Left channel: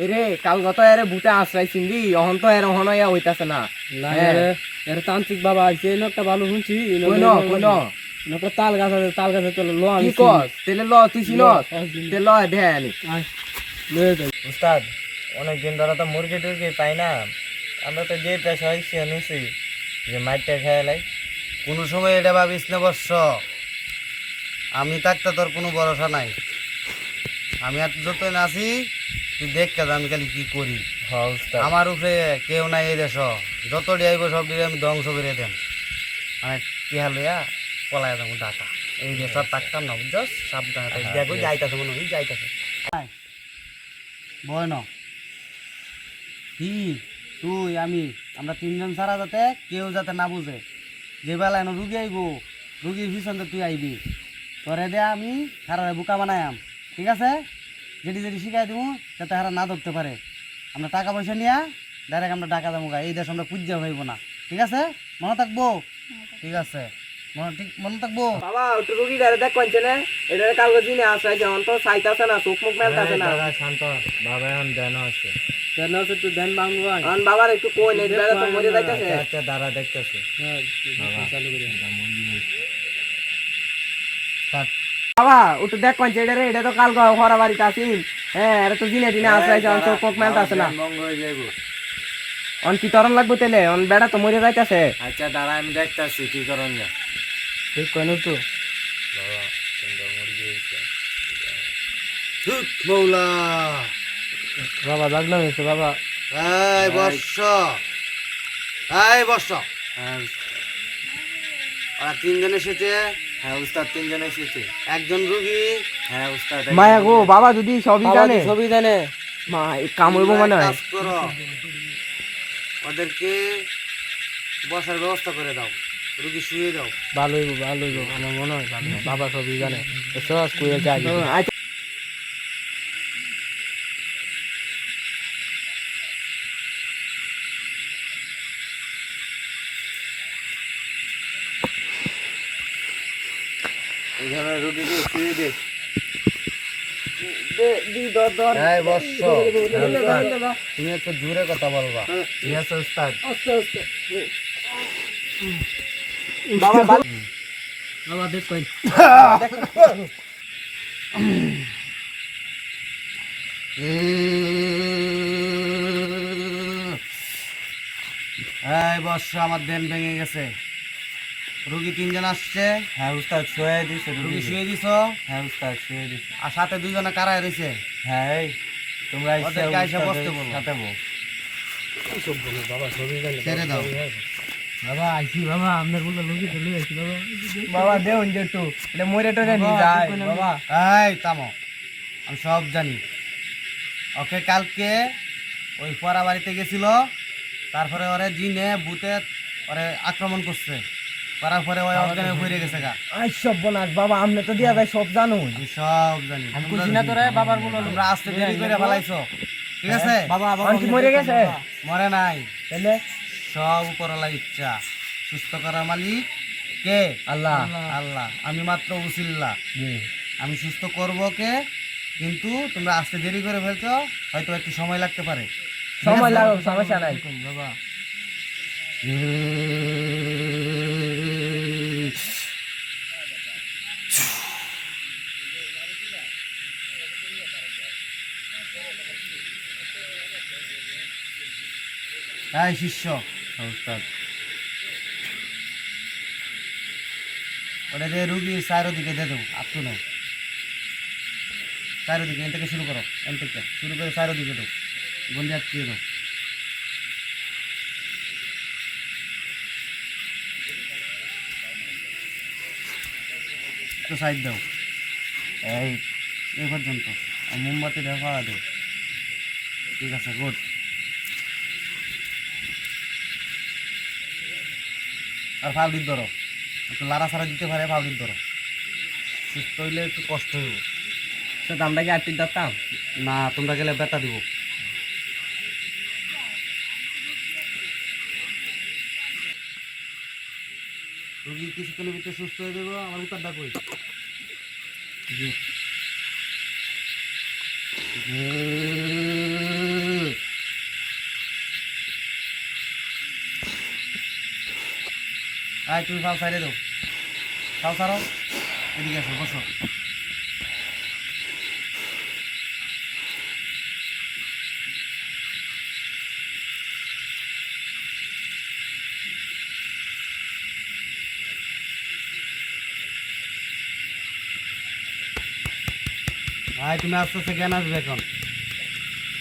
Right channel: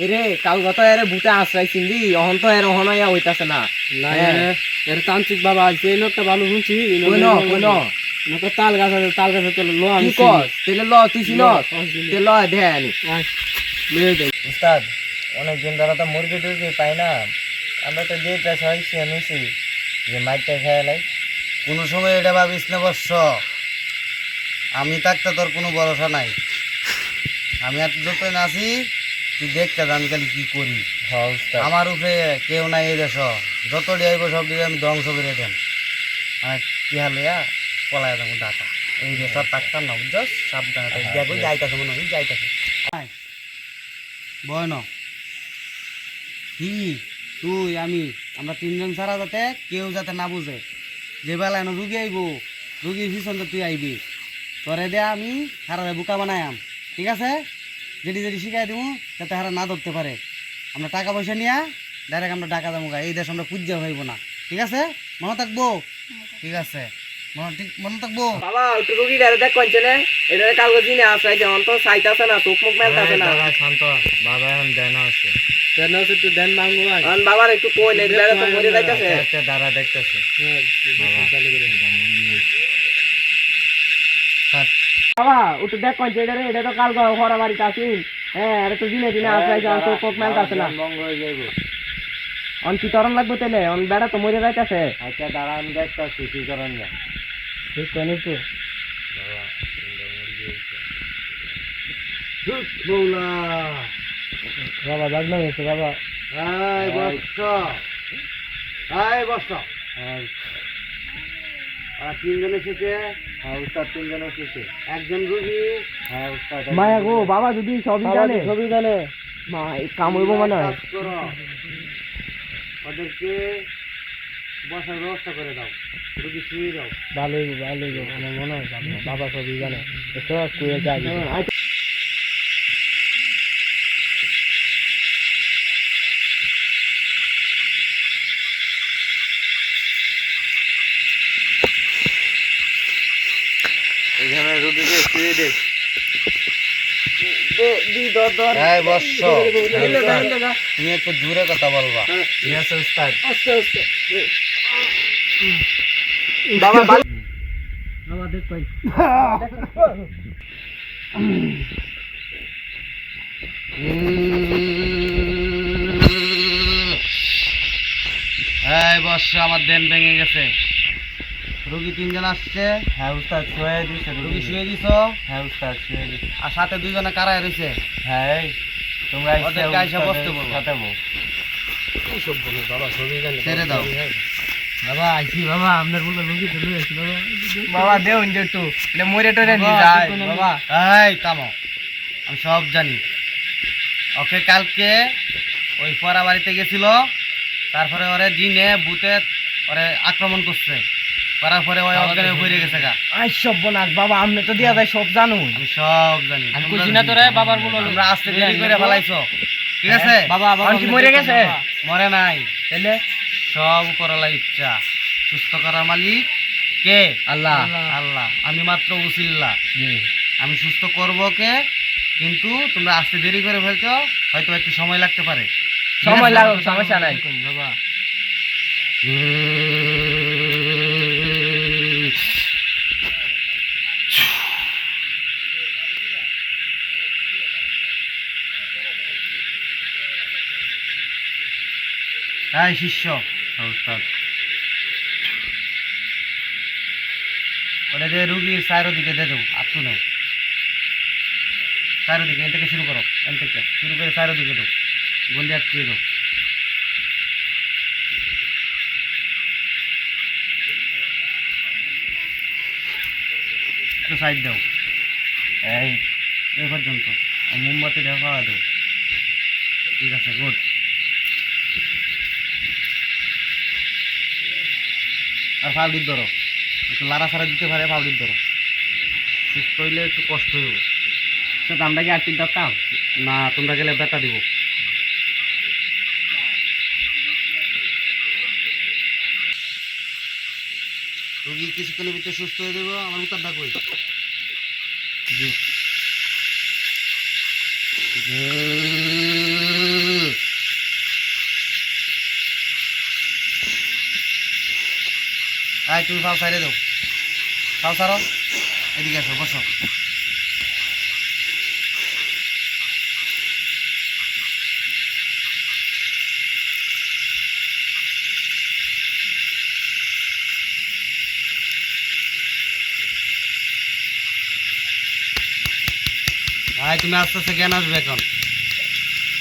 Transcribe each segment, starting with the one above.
এরে কাল গত এরে বুতে আশ্রয় চিনলি অহন তো এর অহন ইয়া হইতাছে না এর তান্ত্রিক বাবা আছে একটা ভালো শুনছি কোন একটা তাল গাছ আছে তাল গাছে তেল লো কি কস তেলে ল তুই চিনস তেল ল দে আনি উস্তাদ অনেকদিন ধরে তো মুরগি টুরগি পাই না আমরা তো যে পেশা হয়েছি নিছি যে মাইটটা খেয়ালাই কোনো সময় এটা ভাবিস না বর্ষ আমি থাকতে তোর কোনো ভরসা নাই আমি আর যত নাচি তুই দেখতে আমি খালি কি করি আমার উপরে কেউ নাই এই দেশ যত ডিয়াইব সব দিয়ে আমি ধ্বংস করে দেন আর কি হালিয়া পলায় যাবো ডাকা এই দেশটা থাকতাম না বুঝছ সাবধানে দেখো যাইতেছে মনে হয় যাইতেছে বয় ন কি তুই আমি আমরা তিনজন ছাড়া যাতে কেউ যাতে না বুঝে যে বেলায় রুগী আইব রুগীর পিছনে তুই আইবি তোরে দে আমি হারা বুকা বানায়াম ঠিক আছে যেটি যেটি শিখাই দিব যাতে হারা না ধরতে পারে আমরা টাকা পয়সা নিয়ে ডাইরেক্ট আমরা টাকা দেবো এই দেশ আমরা পূজ্য হইব না ঠিক আছে মনে থাকবো ঠিক আছে মনে থাকবো বাবা একটু রুগী ডারে দেখ কোনছে না এটা কালকে দিনে আশ্রয় যেমন তো চাইতাছে না চোখ মুখ মেলতাছে না শান্ত বাবা এখন দেন আছে একটু দেন মাঙ্গু ভাই আন বাবার একটু কই নেই বেড়া তো মরে যাইতাছে আচ্ছা দাঁড়া দেখতেছে বাবা একটু দেখ কোনছে এটা তো কালকে হরা বাড়িতে আসিল হ্যাঁ এটা তো দিনে দিনে আশ্রয় যেমন চোখ মুখ মেলতাছে না মঙ্গ হয়ে যাইব অন কি তরল লাগবো তেলে অন বেড়া তো মরে যাইতাছে আচ্ছা দাঁড়া আমি দেখতেছি কি করেন না ঠিক কইনো তো বাবা তিনটা মুরগি হয়েছে মৌলা বাবা লাগনা হয়েছে বাবা এই বর্ষ এই বর্ষ আর তিনজন এসেছে হ্যাঁ উস্তাদ তিনজন এসেছে একজন রুগী হ্যাঁ উস্তাদ মায়া গো বাবা যদি সবই জানে সবই জানে মা কাম হইব মনে হয় কাজ করো ওদেরকে বসার ব্যবস্থা করে দাও রুগী শুয়ে দাও ভালো হইব আমার মনে হয় ভালো বাবা সবই জানে সহজ কইয়া যায় এইখানে রুগীকে শুয়ে দে দি দর দর এই বর্ষ হেলো দা তুমি একটু জোরে কথা বলবা ঠিক আছে উস্তাদ আস্তে আস্তে বাবা বাবা দেখ কই এই বর্ষ আমার দেন ভেঙে গেছে রুগী তিনজন আসছে হ্যাঁ উস্তাদ শুয়ে দিছে রুগী শুয়ে দিছ হ্যাঁ উস্তাদ শুয়ে দিছে আর সাথে দুইজনে কারায় রইছে হ্যাঁ এই তোমরা ওদেরকে আইসা বসতে বলো সাথে বল সব বলো বাবা সবই জানে ছেড়ে দাও বাবা আইছি বাবা আপনার বলে লোকে চলে আসছে বাবা বাবা দেউন যে একটু এটা মরে টরে নি যায় বাবা এই থামো আমি সব জানি ওকে কালকে ওই পরা বাড়িতে গেছিল তারপরে ওরে জিনে ভূতে ওরে আক্রমণ করছে করার পরে ওই অজ্ঞানে পড়ে গেছে গা আই সব বনাস বাবা আপনি তো দিয়া যায় সব জানো আমি সব জানি আমি কইছি না তোরে বাবার বলো তোমরা আসতে দেরি করে ফেলাইছো ঠিক আছে বাবা বাবা কি মরে গেছে মরে নাই তাহলে সব উপরওয়ালা ইচ্ছা সুস্থ করার মালিক কে আল্লাহ আল্লাহ আমি মাত্র উসিল্লা আমি সুস্থ করবো কে কিন্তু তোমরা আসতে দেরি করে ফেলছো হয়তো একটু সময় লাগতে পারে সময় লাগুক সমস্যা নাই বাবা তাই শিষ্য উস্তাদ ওটা যে রুগীর চারোদিকে দিয়ে দেবো আপটু নাও চারোদিকে এন থেকে শুরু করো এন থেকে শুরু করে চারোদিকে দাও গন্ডি আটকিয়ে দাও একটু সাইড দাও এই পর্যন্ত মোমবাতি দেওয়া খাওয়া দাও ঠিক আছে গুড আর ফাউডির ধরো একটু লাড়া ছাড়া দিতে পারে ফাউডির ধরো সুস্থ হইলে একটু কষ্ট হইব সেটা আমরা কি আর্টিক দরকার না তোমরা গেলে ব্যথা দিব রোগী কিছুক্ষণের ভিতরে সুস্থ হয়ে যাবো আমার উত্তরটা কই জি ভাই তুমি পাও সাইডে দাও, পাও সারো, এদিকে আসো, বসো। ভাই তুমি আস্তে আস্তে জ্ঞান আসবে, এখন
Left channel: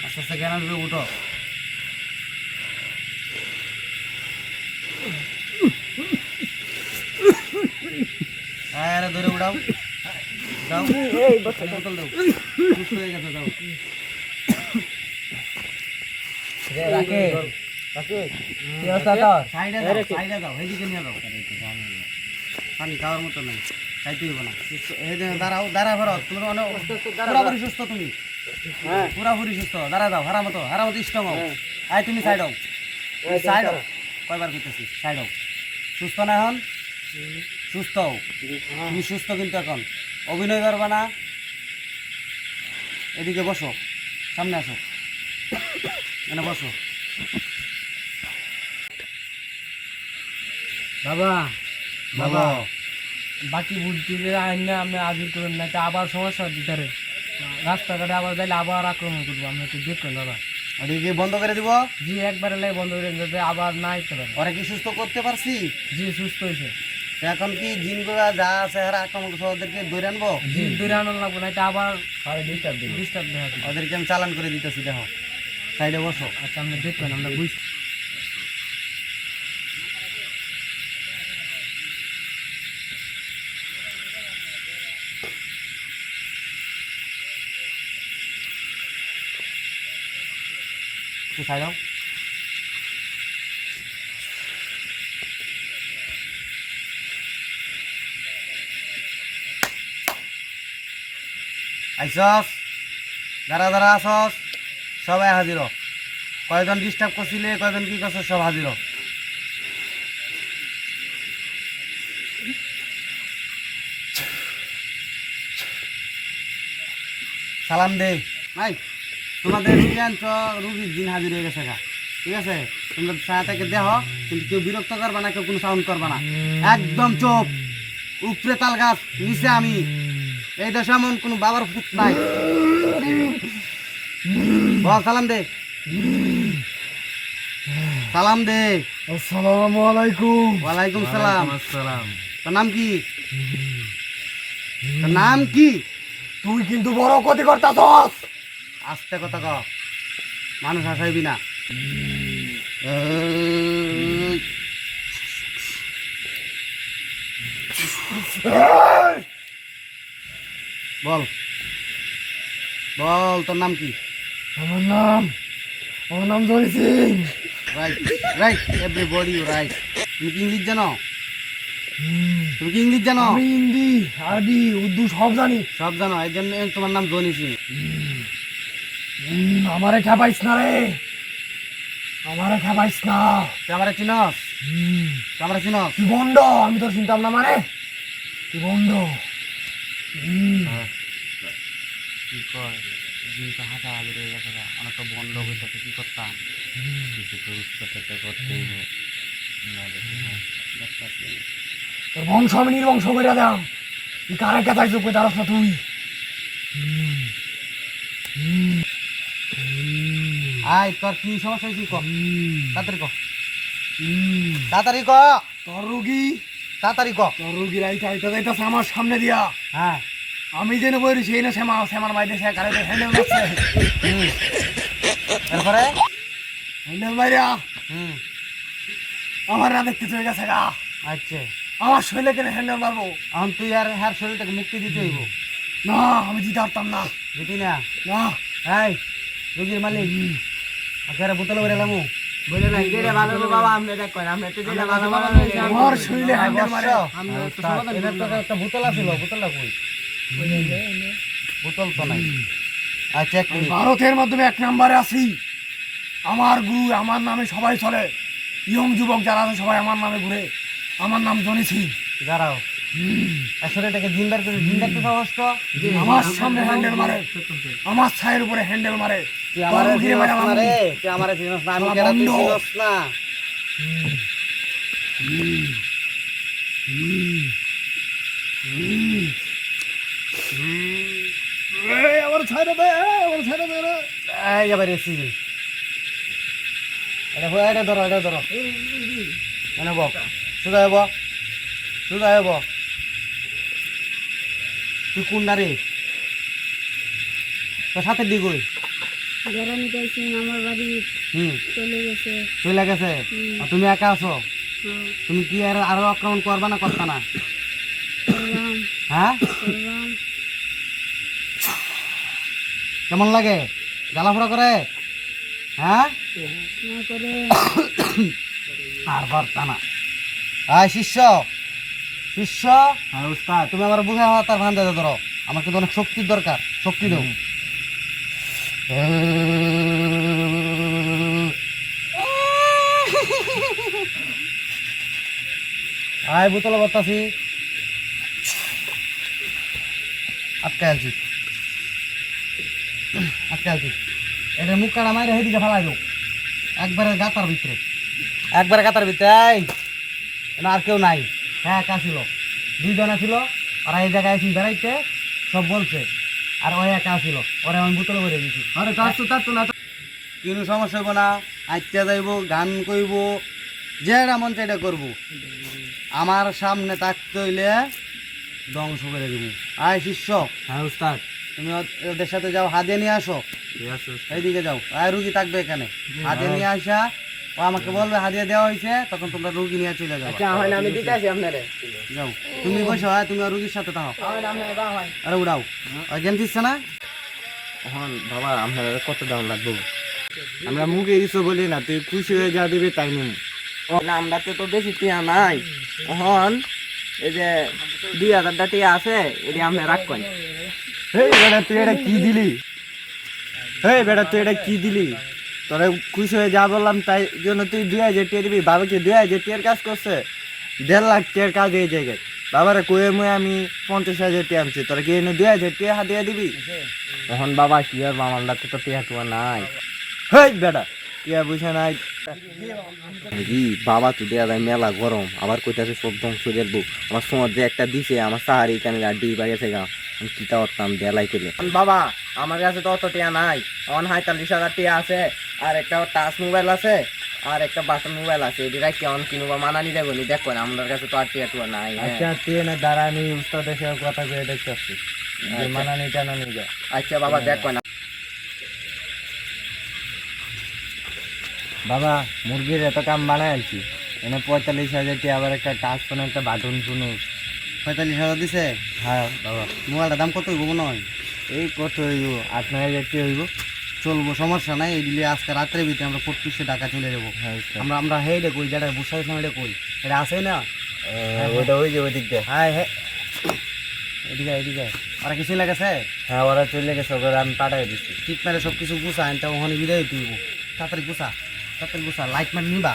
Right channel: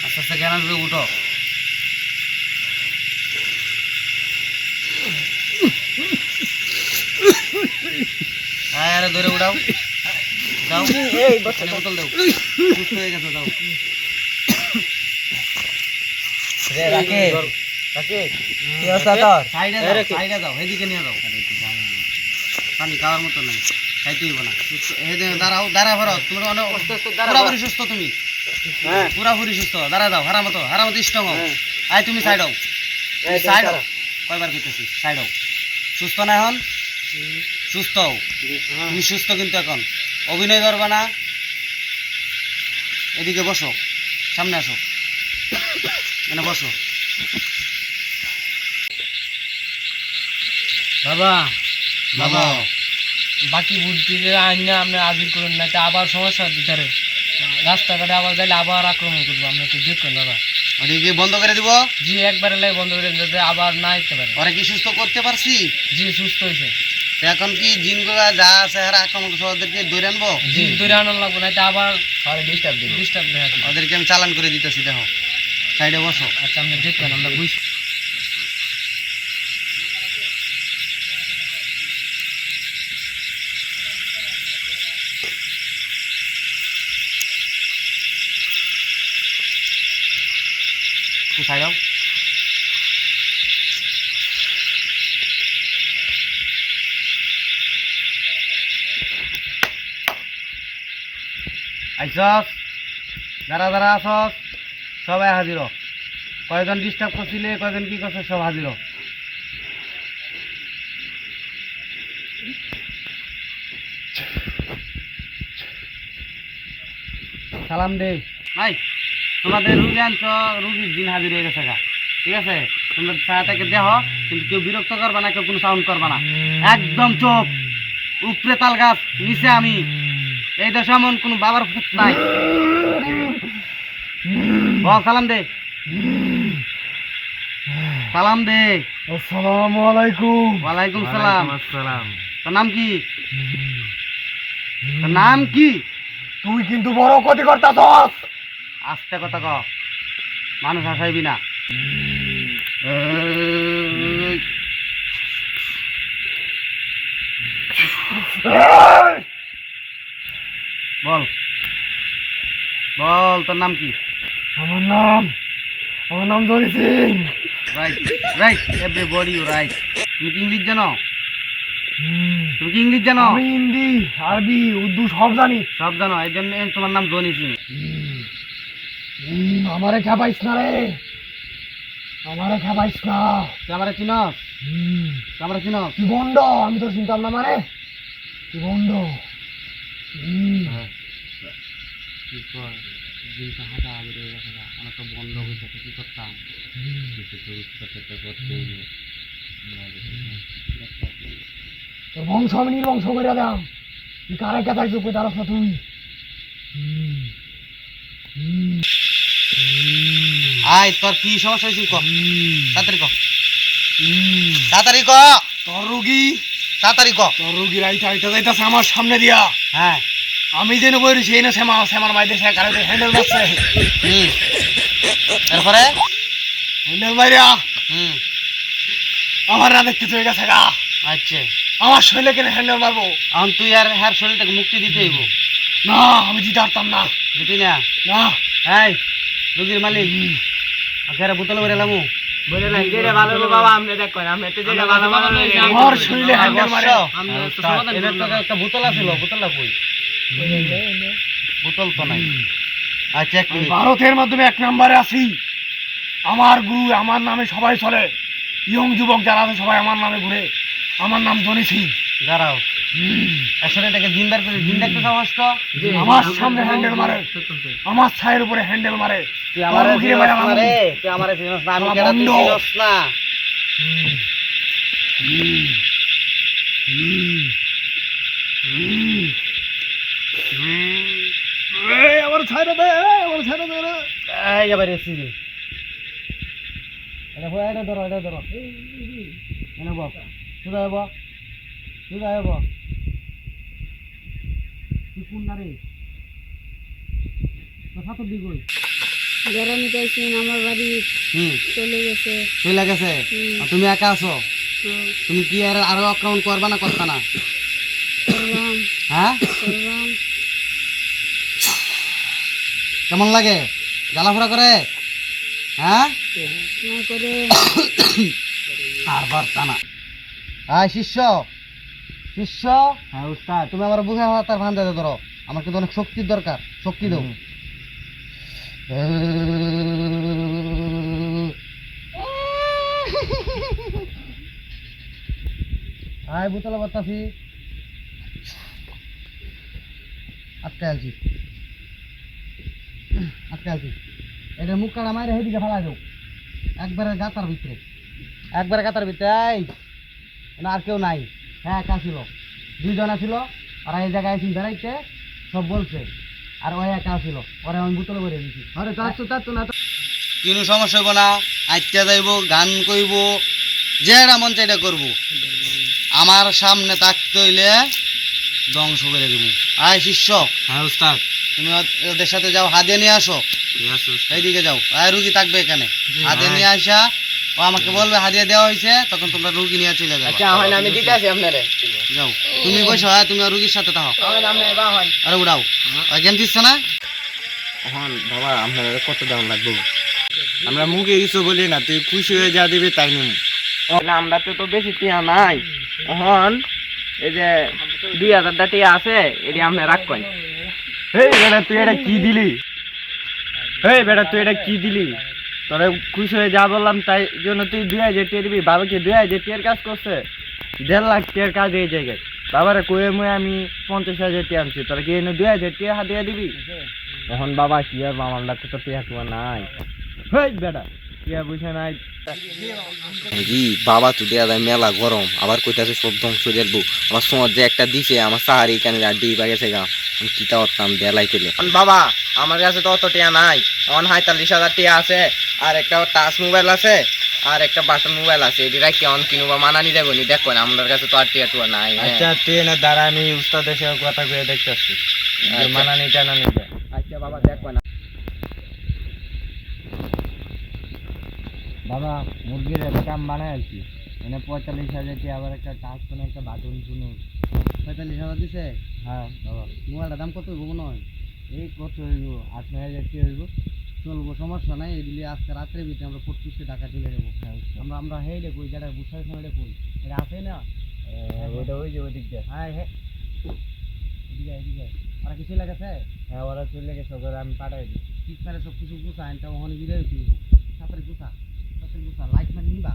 আস্তে আস্তে জ্ঞান আসবে, উঠো। হ্যাঁ, আরে ধরে উঠাও, দাও খালি বোতল দাও, সুস্থ হয়ে গেছে, দাও। সাইডে দাও, সাইডে দাও, এদিকে নিয়ে যাও। পানি খাওয়ার মতো নাই, খাইতে হইব না। দাঁড়াও, দাঁড়া ভরো, তুমি পুরাপুরি সুস্থ, তুমি পুরাপুরি সুস্থ। দাঁড়া দাও, হারা মতো স্ট্রং হও। আয় তুমি সাইড হও, সাইড হও, কয়বার করতেছি, সাইড হও। সুস্থ না এখন? সুস্থ হও, তুমি সুস্থ কিন্তু এখন অভিনয় করবে না। এদিকে বসো, সামনে আসো, এখানে বসো। বাবা বাবা বাকি বুদ্ধি আইন না আপনি হাজির করুন, না তা আবার সমস্যা ভিতরে রাস্তাঘাটে আবার যাইলে আবার আক্রমণ করবো, আপনি একটু দেখুন বাবা। ওদিকে বন্ধ করে দিব? জি, একবারে লাই বন্ধ করে দিতে আবার না আসতে পারে। ওরা কি সুস্থ করতে পারছি? জি, সুস্থ হয়েছে। তো এখন কি জিনগুলা যা আছে হারা আক্রমণ করছে, ওদেরকে ধরে আনবো? জি, দূরে আনার লাগবো, না তা আবার ডিস্টার্ব দেখা দিবে। ওদেরকে আমি চালান করে দিতেছি, দেখো সাইডে বসো। আচ্ছা, আপনি দেখবেন, আমরা বুঝছি। একটু সাইড হও। আইসস, যারা যারা আসস সবাই হাজির হ। কয়জন ডিস্টার্ব করছিলে, কয়জন কি করছে, সব হাজির হ। সালাম দে। নাই তোমাদের রুগী আনছ, রুগীর দিন হাজির হয়ে গেছে গা, ঠিক আছে? তোমরা ছায়াটাকে দেহ, কিন্তু কেউ বিরক্ত করবা না, কেউ কোনো সাউন্ড করবা না, একদম চোপ। উপরে তাল গাছ, নিচে আমি। এই দেশে এমন কোনো বাবার পুত নাই। বল, সালাম দে, সালাম দে। আসসালামু আলাইকুম। ওয়ালাইকুম সালাম। আসসালাম। তোর নাম কি? তোর নাম কি? তুই কিন্তু বড় ক্ষতি করতাছস। আস্তে কথা ক, মানুষ হাসাইবি না। বল বল, তোর নাম কি? আমার নাম Johnny Singh. Right right, everybody right. তুমি কি ইংলিশ জানো? তুমি কি ইংলিশ জানো? আমি হিন্দি, আরবি, উর্দু সব জানি। সব জানো, এই জন্য তোমার নাম জনি সিং। আমারে খেপাইস না রে, আমারে খেপাইস না। তুই আমারে চিনস? তুই আমারে চিনস? তুই বন্ড, আমি তোর চিন্তাম না, মানে তুই বন্ড। কি কয়, দিনটা হাঁটা হাজির হয়ে গেছে, অনেক তো বন্ধ হইতেছে, কি করতাম? কিছু তো উৎপাদটা করতেই হবে। তোর বংশ আমি নির্বংশ করে দাম। তুই কারে কেতাই চুপ করে দাঁড়াস না তুই? আয়, তোর কি সমস্যা হয়েছে ক, তাড়াতাড়ি ক, তাড়াতাড়ি ক। তোর রুগী, তাড়াতাড়ি ক। তোর রুগীর আইটা আইটা যাইতাছে আমার সামনে দিয়া। হ্যাঁ, আমি যেন বলি সেই না শ্যামার মাইতে সে কারে হ্যান্ডেল মারছে। এরপরে হ্যান্ডেল মাইরা হুম, আমার না দেখতে চলে গেছে গা। আচ্ছা, আমার শরীরে কেন হ্যান্ডেল মারবো? এখন তুই আর হ্যার শরীরটাকে মুক্তি দিতে হইব। না, আমি দিতে পারতাম না। দিতি না? না, এই রুগীর মালিক, আখেরা বোতল ভরে এলামু। বলে না যেটা ভালো হলো বাবা, আপনি দেখেন, আপনি তো যেটা ভালো আমার শরীরে হ্যান্ডেল মারে। এদের তো একটা বোতল আছিল, বোতলটা কই? বোতল তো নাই। আচ্ছা, এক মিনিট। ভারতের মাধ্যমে 1 নম্বরে আছি। আমার গুরু, আমার নামে সবাই চলে। ইয়ং যুবক যারা আছে সবাই আমার নামে ঘুরে। আমার নাম জনি সিং। দাঁড়াও, আসলে এটাকে জিন্দার করে, জিন দেখতে সাহস তো? আমার সামনে হ্যান্ডেল মারে, আমার ছায়ের উপরে হ্যান্ডেল মারে। তুই আমারে রুগীরে চিনস মারে না আমার রে, তুই আমারে চিনস না, আমি আমার কেডা তুই বন্ধু। চিনস না। আমার ছাড়া দে, আমার ছাড়া দে রে। এবারে সিজন এটা ধরো এনে বক সুদা হব তুই কোন না রে তোর সাথে দিগুই গরম গেছে আমার বাড়ি চলে গেছে চলে গেছে আর তুমি একা আছো হ্যাঁ, তুমি কি আর আরো আক্রমণ করবা না করতা না করলাম হ্যাঁ করলাম কেমন লাগে জ্বালাফোড়া করে হ্যাঁ না করে আর পারতা না শিষ্য হ্যাঁ উস্তাদ তুমি আমার বুঝে তার ভান দাদা ধরো আমার কিন্তু অনেক শক্তির দরকার শক্তি দাও আয় বোতল বাতাসি আটকে আছি এটা মুখ কাটা মারে সেদিকে ফেলাই দাও একবারে গাতার ভিতরে এই না আর কেউ নাই হ্যাঁ একা ছিল 2 জনা ছিল আর এই জায়গায় এসে বেড়াইতে সব বলছে আর ওই একা ছিল ওরা আমি বোতলে ভরে দিয়েছি আরে তার তো না কোনো সমস্যা হইব না আইটা যাইব গান কইব যেটা মন চাইটা করব আমার সামনে থাকতে হইলে ধ্বংস করে দিব আয় শিষ্য হ্যাঁ উস্তাদ তুমি ওদের সাথে যাও হাদিয়া নিয়ে আসো ঠিক আছে এইদিকে যাও আয় রুগী থাকবে এখানে হাদিয়া নিয়ে আসা ও আমাকে বলবে হাদিয়া দেওয়া হয়েছে তখন তোমরা রুগী নিয়ে চলে যাবে আচ্ছা হয় না আমি দিতে আসি আপনারে যাও তুমি বসো হ্যাঁ তুমি আর রুগীর সাথে থাকো আমার নাম নাই বা হয় আরে উড়াও জ্ঞান দিচ্ছে না হন বাবা আপনারা কত দাম লাগবে আমরা মুখে কিছু বলি না তুই খুশি হয়ে যা দিবি তাই নিম আমরা তো বেশি টিয়া নাই হন এই যে 2000 টিয়া আছে এটি আপনি রাখবেন এই বেটা তুই এটা কি দিলি তোরে খুশি হয়ে যা বললাম তাই জন্য তুই 2000 টিয়া দিবি বাবাকে 2000 টিয়ার কাজ করছে 1.5 লাখ টিয়ার কাজ এই জায়গায় বাবারে কয়ে মুয়ে আমি 50,000 টিয়া আনছি তোরা কি এনে 2000 টিয়া হাতিয়া দিবি তখন বাবা কি আর আমার লাতে তো টিয়া টুয়া নাই হেই বেটা টিয়া বুঝে নাই জি বাবা তো দেয়া যায় মেলা গরম আবার কইতাছে সব ধ্বংস দেখবো আমার সময় যে একটা দিছে আমার সাহারি এখানে আড্ডি বাগেছে গা আমি কিতা করতাম দেলাই তেলে বাবা আমার কাছে তো অত টিয়া নাই 45,000 টিয়া আছে আর একটা টাচ মোবাইল আছে আর একটা বাটন মোবাইল আছে এটি রাখি অন কিনুবা মানানি দেবো নি দেখো না আমার কাছে তো আর টিয়া টুয়া নাই আচ্ছা তুই না দ্বারা আমি উস্তাদের সাথে কথা কয়ে দেখতেছি মানানি টানানি আচ্ছা বাবা দেখো না বাবা মুরগির এত কাম বানাই আছি এনে 45,000 টিয়া আবার একটা টাচ ফোন একটা বাটন ফোন 45,000 দিছে হ্যাঁ বাবা মোবাইলটার দাম কত হইব মনে হয় এই কত হইব 8,000 টিয়া হইব চলবো সমস্যা নাই এগুলি আজকে রাত্রের ভিতরে আমরা 2500 টাকা চলে যাবো আমরা হেইডে কই যেটা বুঝাই সময় কই এটা আছে না ওটা ওই যে ওই দিক দিয়ে হ্যাঁ হ্যাঁ এদিকে ওরা কি চলে গেছে হ্যাঁ ওরা চলে গেছে ওরা আমি পাঠাই দিচ্ছি ঠিক মেরে সব কিছু গুছা আনতে ওখানে বিদায় দিব তাড়াতাড়ি গুছা লাইট মার নিবা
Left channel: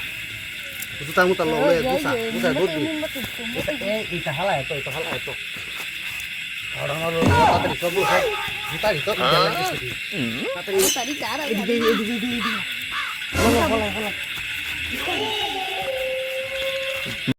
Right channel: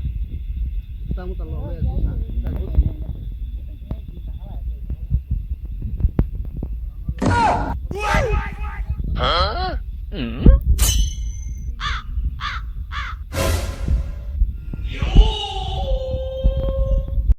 গুছা মুতা লয়ে গুছা গতি এইটা হালা এত এদিকে